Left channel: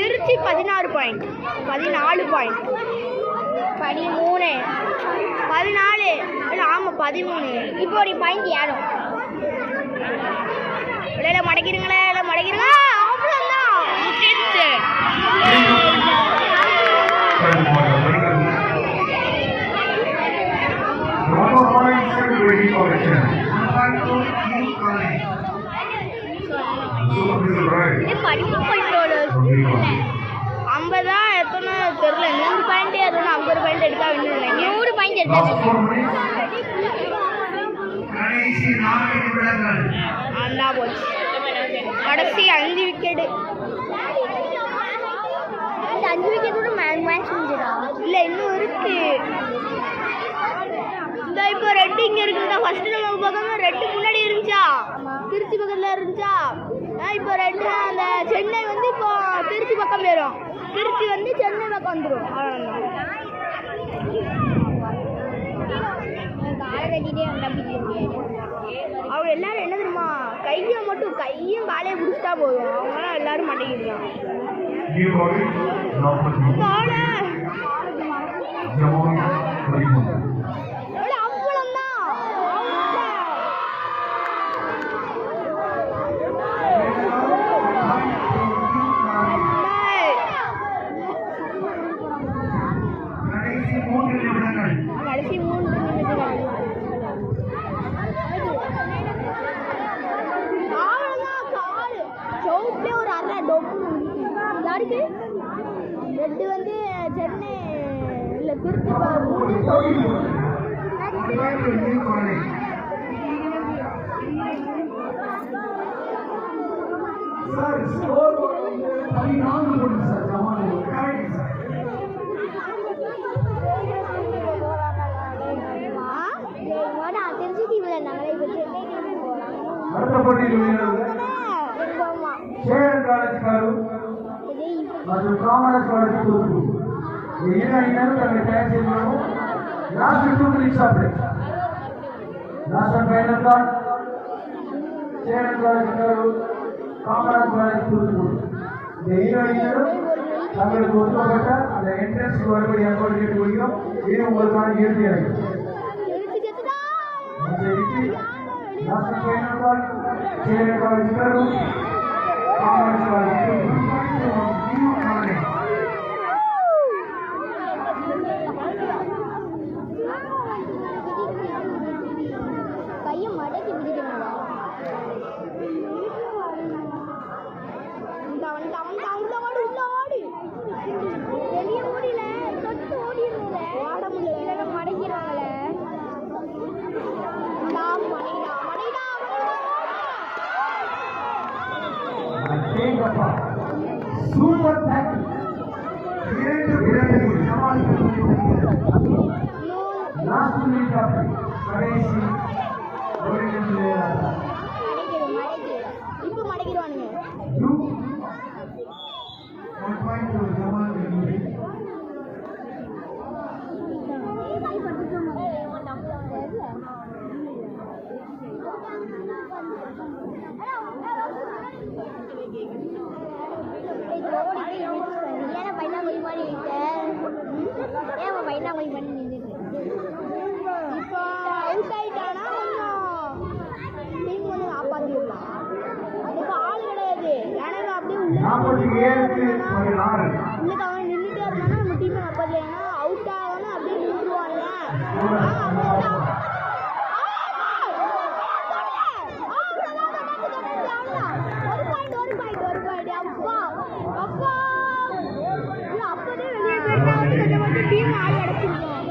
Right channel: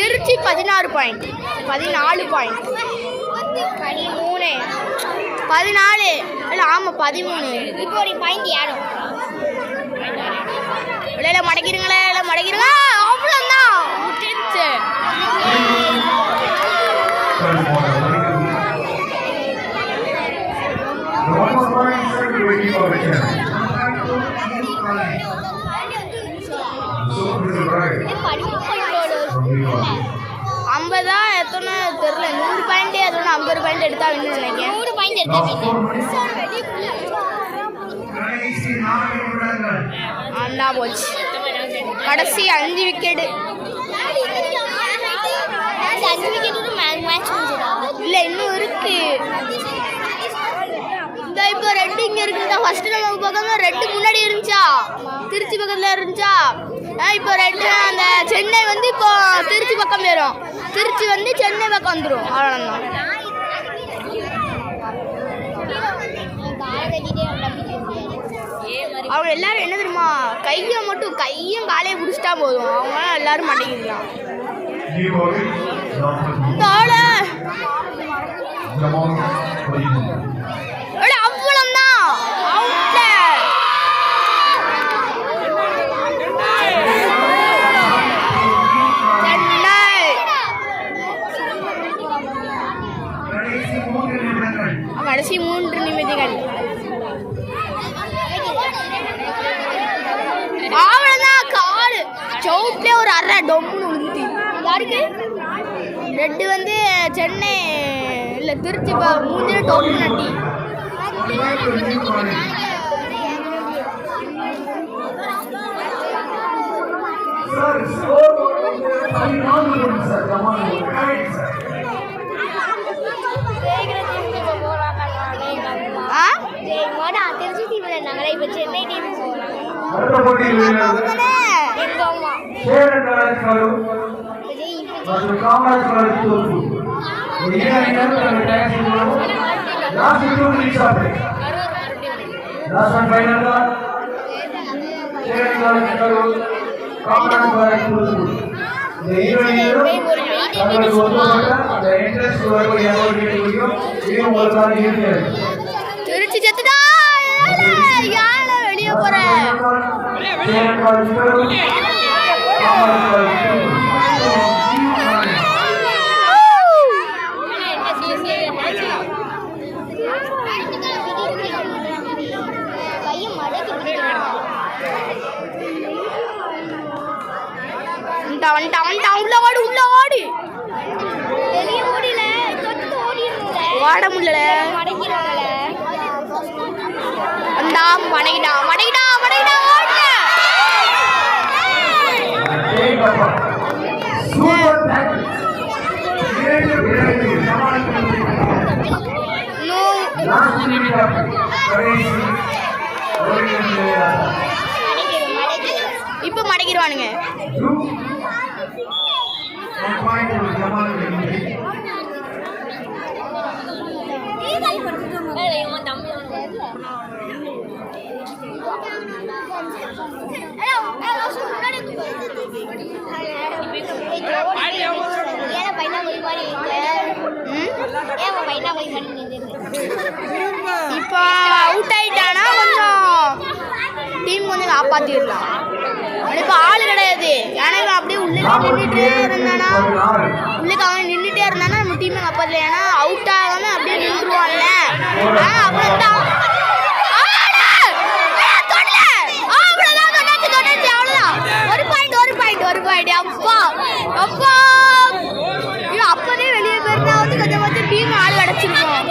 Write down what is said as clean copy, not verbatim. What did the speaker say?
Trichy 16 point 14 point 13 14 இல்லை ஆமாம் 13 இப்போ ஒரு பாயிண்ட் ஏறும் இல்லை மடக்கிடுங்களே இல்லை மடக்கிடுங்க அவ்வளோதான் முட்டிடுச்சு ஐம்பதா எத்தனை தெரியல 100 பாயிண்ட் எத்தனை 50 பாயிண்ட் எடுத்தா வேணும்னு நினைக்கிறேன் 100 பாயிண்ட் எடுத்தா அந்த போச்சு கடைசி 5 விக்கெட் 5 விக்கெட் மேட்ச் முடிஞ்சதா இல்ல இன்னும் இருக்கு இந்த இப்போ ரெட் இங்க இருக்குடா ஃபர்ஸ்ட் நம்ம பக்கத்துல ரெட் முன்னாடி இருந்துச்சா திருச்சி பக்கத்துல இருந்துச்சா இப்போ ரெட் அந்த சென்னை வந்து இப்போ திருச்சி பக்கம் போயிடும் திருச்சி வந்து சென்னை பக்கம் வந்துடும் அவ்வளோதான் அவங்க எல்லாரும் என்ன தெரியுமா கையை மட்டும் கையும் காலையை பிடிச்சிட்டா போதும் அவங்க எல்லாரும் மாட்டேங்கிறான் கடைசி 3 நிமிடங்கள் அவ்வளோதான் கால் சவுட்லேயே ஒரு அரை டொம்னு விழுந்துட்டு யாருக்கு ரெட்டு வந்து சென்னை இல்லை திருச்சி மூஞ்சில டொம்னு நட்டி திருச்சி டீம்ல இருந்தாங்களே இப்போ சென்னை டீம் போறாங்க எங்க அம்மா திருச்சி செத்துடா வெளியே போறேன் உள்ள ஓடி வெளியே ஓடில ஓட முடியல மடக்கிறாங்கள வந்தா மடக்கிட்டா மடக்கிட்டா மடக்கிட்டா இப்ப மடக்கிடுவானுங்க இப்போ அவுட் ஆயிட்டானா கொஞ்சம் டீம் கொஞ்சம் காப்பாத்திடலாம். இப்போ ஆள் கிடையாது, ஏன்னா அப்படியே உள்ளே நின்றுட்டே இருந்தானா உள்ளுக்கு அவன் நின்றுட்டே இருந்தானா நம்ம டீமை காப்பாற்றல. ஏன்னா அவுட் ஆகாம அப்படியே நின்றுவான்ல, அவ்வளவுதான். ஒரு பாயிண்ட். அப்பா அப்பா அப்பதே வெளியே போயிருந்தா வந்து கொஞ்சம் டீம் ஆள் அடைச்சிருக்கோம்.